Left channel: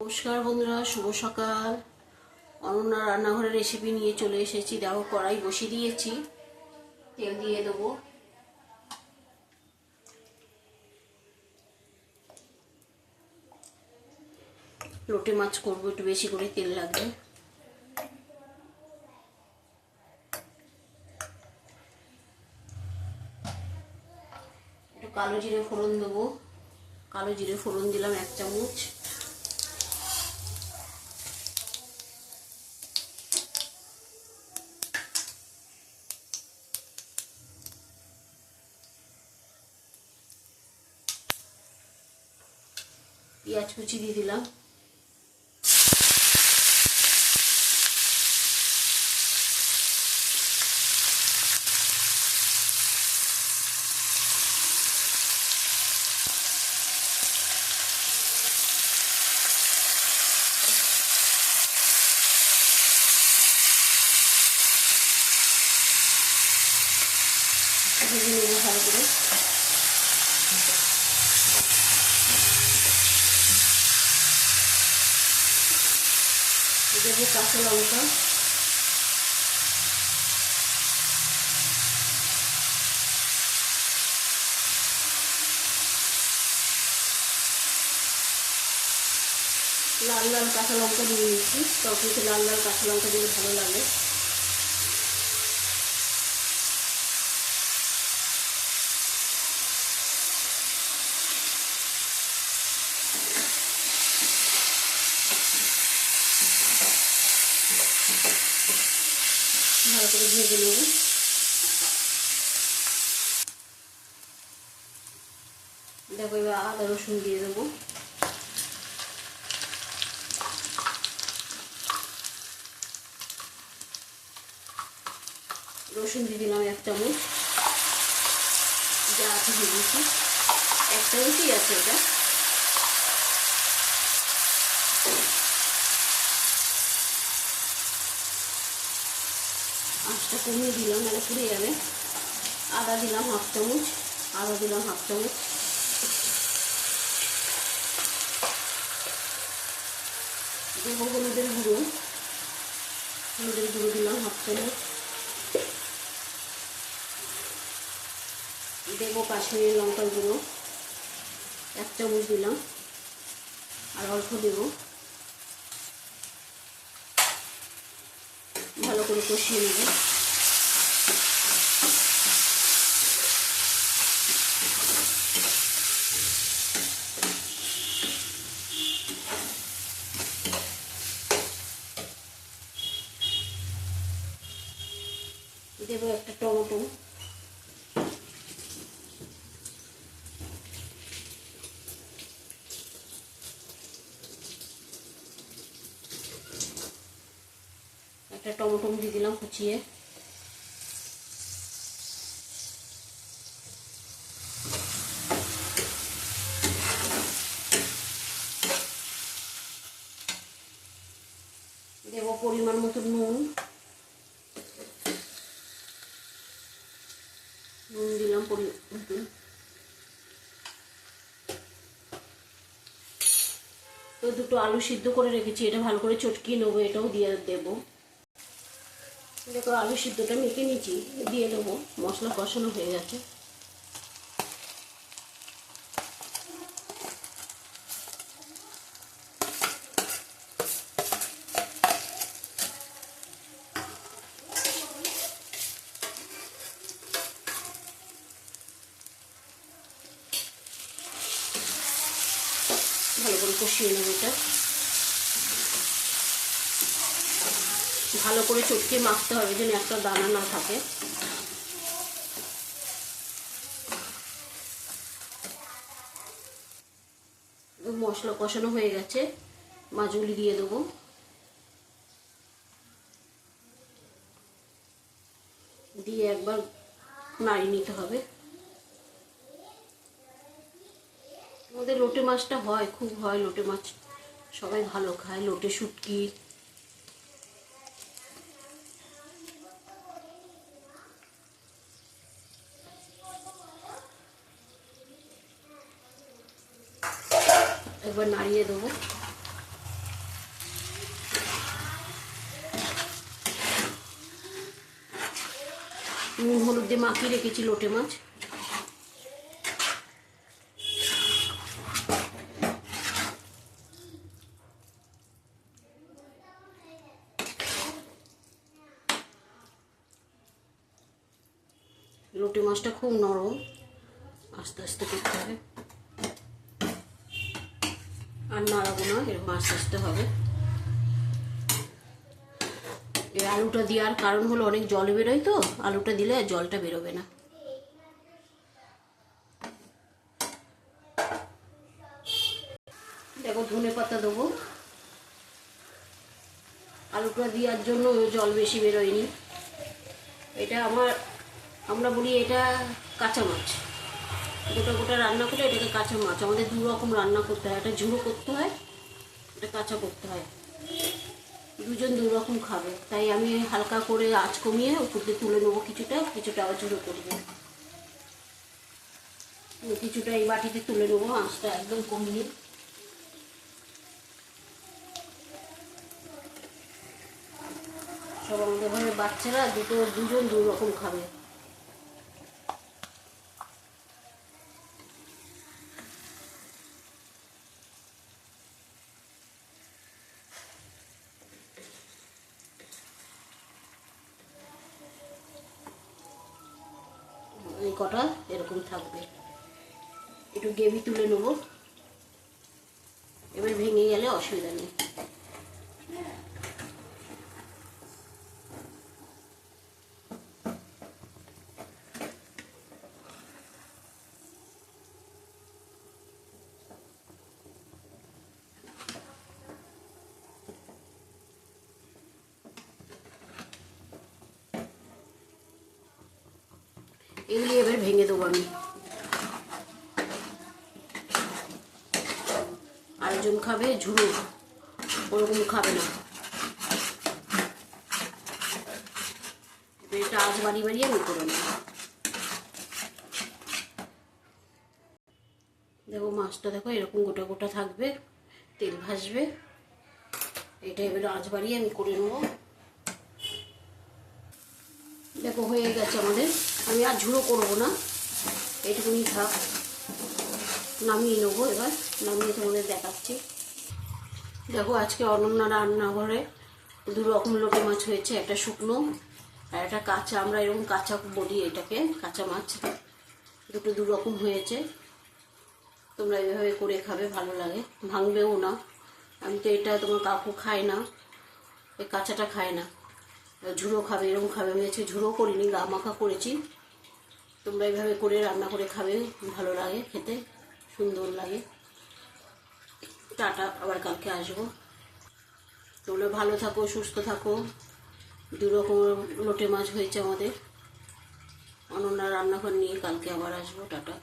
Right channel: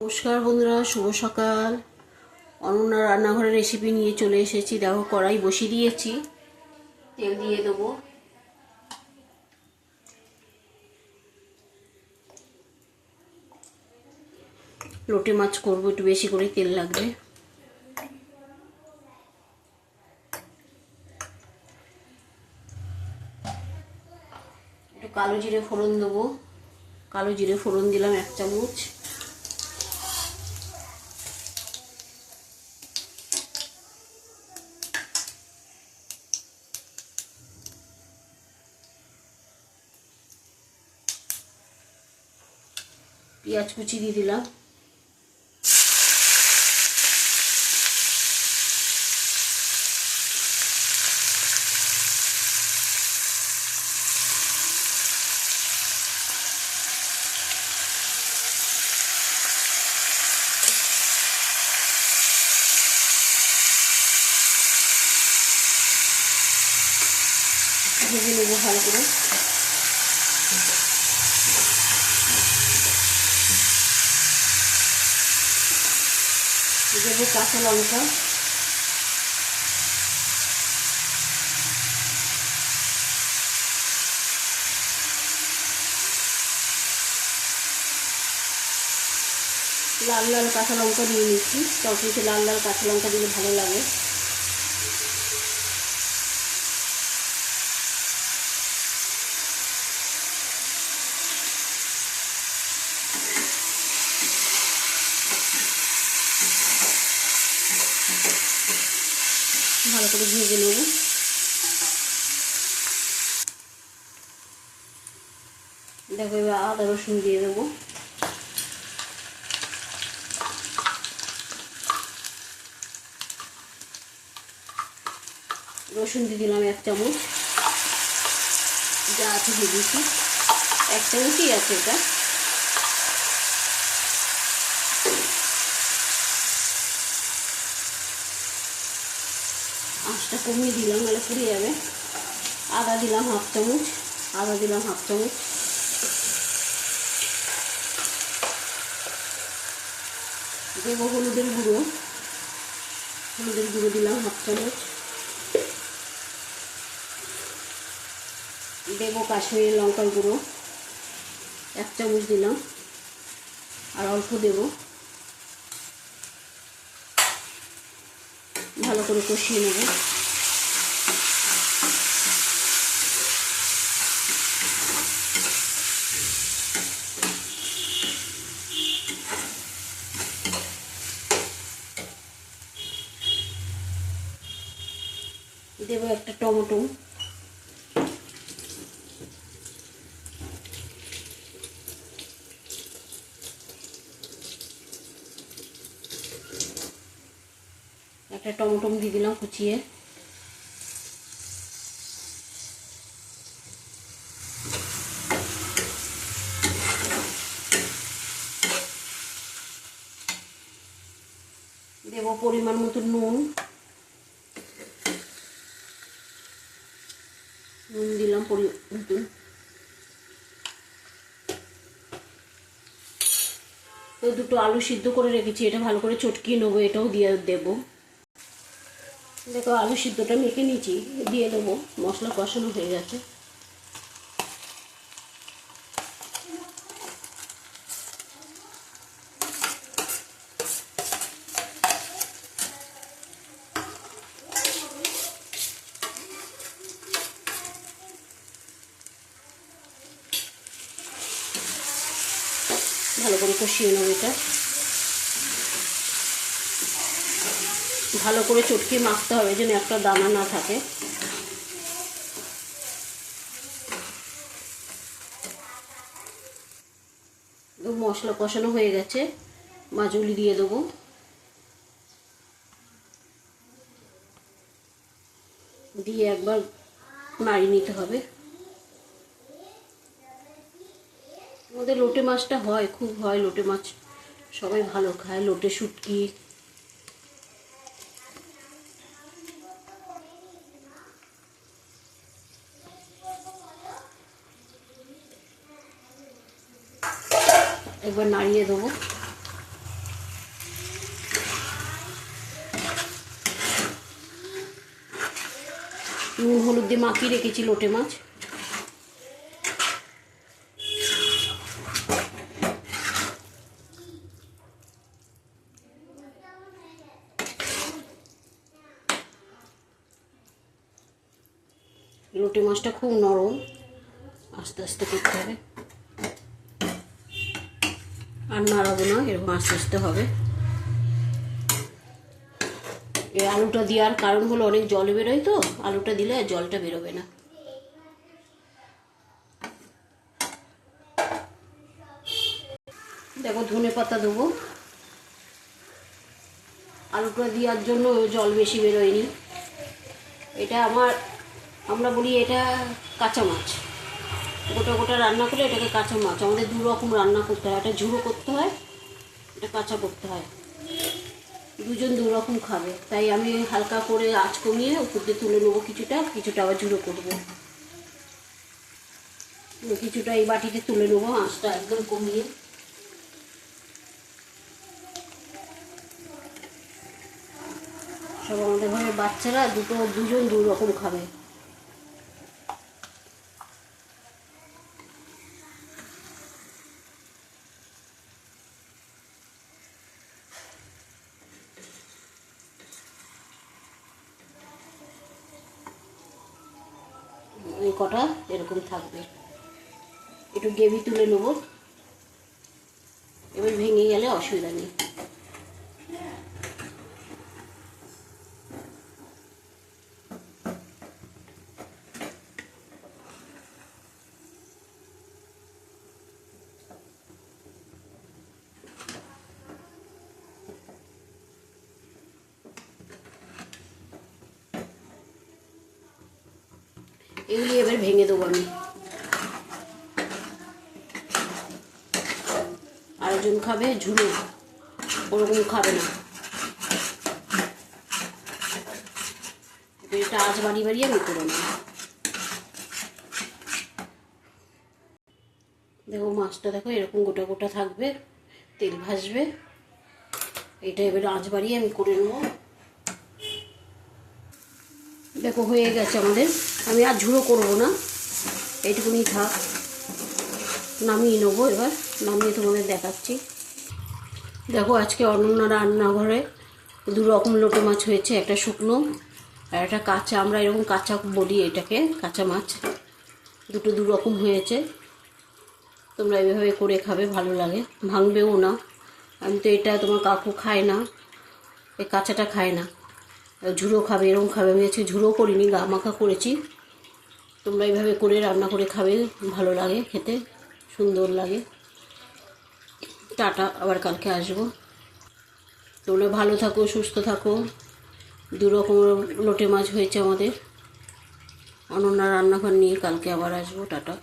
নমস্কার বন্ধুরা, শুভ সকাল। অনন্যা রান্নাঘরের রেসিপি নিয়ে চলে এসেছি। দেখো, কড়াই বসিয়ে দিয়েছি, তেল দিয়ে দেবো। লোটে মাছ করবো, একটু বেশি করে তেল লাগবে। একটু কালো জিরে ফোড়ন দেবো। কালো জিরে ফোড়ন দিলাম 1 চামচ। পেঁয়াজ কুচি দিয়ে দিলাম। ভেজে নেবো ভালো করে। দেবো কাঁচা লঙ্কা, লাল লাল কাঁচা লঙ্কা দিয়ে নিচ্ছি। তরকারিতে লাল লাল কাঁচা লঙ্কা দিলে ভালো লাগে। ভালো করে ভেজে নেব। দেখো, এবার আদা রসুন দিয়ে দেবো। রসুন দিয়ে দিলাম 1 চামচ। যা আছে দিয়ে দিচ্ছি, 1 চামচই আছে এটা। আঁচটা কমিয়ে দিলাম, নাহলে পুড়ে যাবে। আদা দিলাম 1/2 চামচ। আদা দিলাম 1/2 চামচ। দেবো হলুদের গুঁড়ো। হলুদের গুঁড়ো দিলাম 1/2 চামচ। দেবো কাশ্মীরি লঙ্কার গুঁড়ো 1 চামচ দিলাম, আর অল্প দেবো। ভালো করে কষিয়ে নেব। দেবো একটা টমেটো। একটা টমেটো দিয়ে দিলাম কুচিয়ে। দেবো পরিমাণ মতো নুন। নুন দিলাম পরিমাণ মতো। তো দুটো আলু সিদ্ধ করে রেখেছি, এটা ভালো করে চটকিয়ে নেবো। এটাও দিয়ে দেবো। দেখো, আলু সিদ্ধটা মেখে নিয়েছি, দিয়ে দেবো। মশলা কষানো হয়ে গেছে। ভালো করে কষিয়ে নেব এটা। ভালো করে চটকিয়ে মাখতে হবে, যেন একটা দানা না থাকে। মশলা কষানো হয়ে গেছে, মাছগুলি দিয়ে দেবো। দিয়ে একবার নাড়িয়ে নিতে হবে। আমাদের লোটে মাছটা হয়, খুব হয় লোটে মাছ, সবাই ভালো খায়। লোটে শুটকি। একবার নাড়িয়ে দেবো। নুন হলুদ দিয়ে মাখিয়ে রেখেছি লোটে মাছ। লোটে মাছটা খুব নরম, আস্তে আস্তে করতে হবে, আর নাড়াবো না, এরকম আস্তে আস্তে হবে। এই আলুটা দেওয়ার কারণ হলো অনেক জল বেরোয়, তো আলুটা দিলে আর জলটা বেরোবে না। দেখো ধনে পাতা দেবো, আলুটা দেওয়ার জন্য জল বেশি বেরোয়নি। এটা আমরা বলি এটা কাঁচা মাছ, গোটা গোটা রান্না করে এটাকে কাঁচা মাছ। আমাদের দু রকম রান্না করতে হয়, এটা ঝুড়ো করতে হয়, এটা কাঁচা করতে হয়, দুজন দু রকম খাবে। তাই আমি হালকা করে আঁচ কমিয়ে উপর দিয়ে তুলে নেবো, কিছুটা কিছুটা আবার ঝুড়ো করবো, কিছুটা এই বাটিতে তুলে নেবো আঁচটা একদম কমিয়ে। সব আমাদের ঘরে বাচ্চারা দুজন দু রকম খাবে। এই কটা এরকম থাকবে, একটু গ্রেভি তুলে নেব, এবার ভেঙে গেলে অসুবিধা নেই। এগুলি এবার ভেঙে দেবো আমি। আরেকজন খাবে ঝুড়ো, ওরকম খাবে না, এটা আঁচ বাড়িয়ে বাড়িয়ে আমি করে নেব। দেখো মাছটা দেখো এরকম গোটা গোটা থাকবে, তেল ভাসবে, এটা এবার আঁচ বাড়িয়ে আমি করে নেব। দেখো হয়ে গেছে আমাদের, আমি আর ঝুড়ো করবো না, এইটুকুনি থাক, নামিয়ে নেবো। এবার নামিয়ে তোমাদের দেখাচ্ছি। দেখো আজকে অনন্যা রান্নাঘরে দু রকম লোটে মাছ হয়েছে, একটা শুকনো আর একটা কাঁচা, আমরা এরকম কাঁচা বলি এটাকে, কাঁচা মাছ। দুটো দু রকম হয়েছে, তোমরা এইভাবে করে খাবে, ভালো লাগে, ভাঙবেও না। আমি তো এটা তোমার কাকু খায় না, এই কাঁচাটা খায় না, ঝুড়ো খাবে, এরকম খাবে। আমি আজকে ঝুড়ো করিনি, গা মাখা করেছি। তোমরা এইভাবে করে রান্না করে খাবে, ভালো লাগে খেতে, সুন্দর লাগে। টাটা, আবার কালকে আসবো। তোমরা ভালো থাকো, সুস্থ থাকো। দু রকমের লোটে মাছ হয়েছে আমাদের। অনন্যা রান্নাঘর নিয়ে কালকে আবার আসবো। টাটা।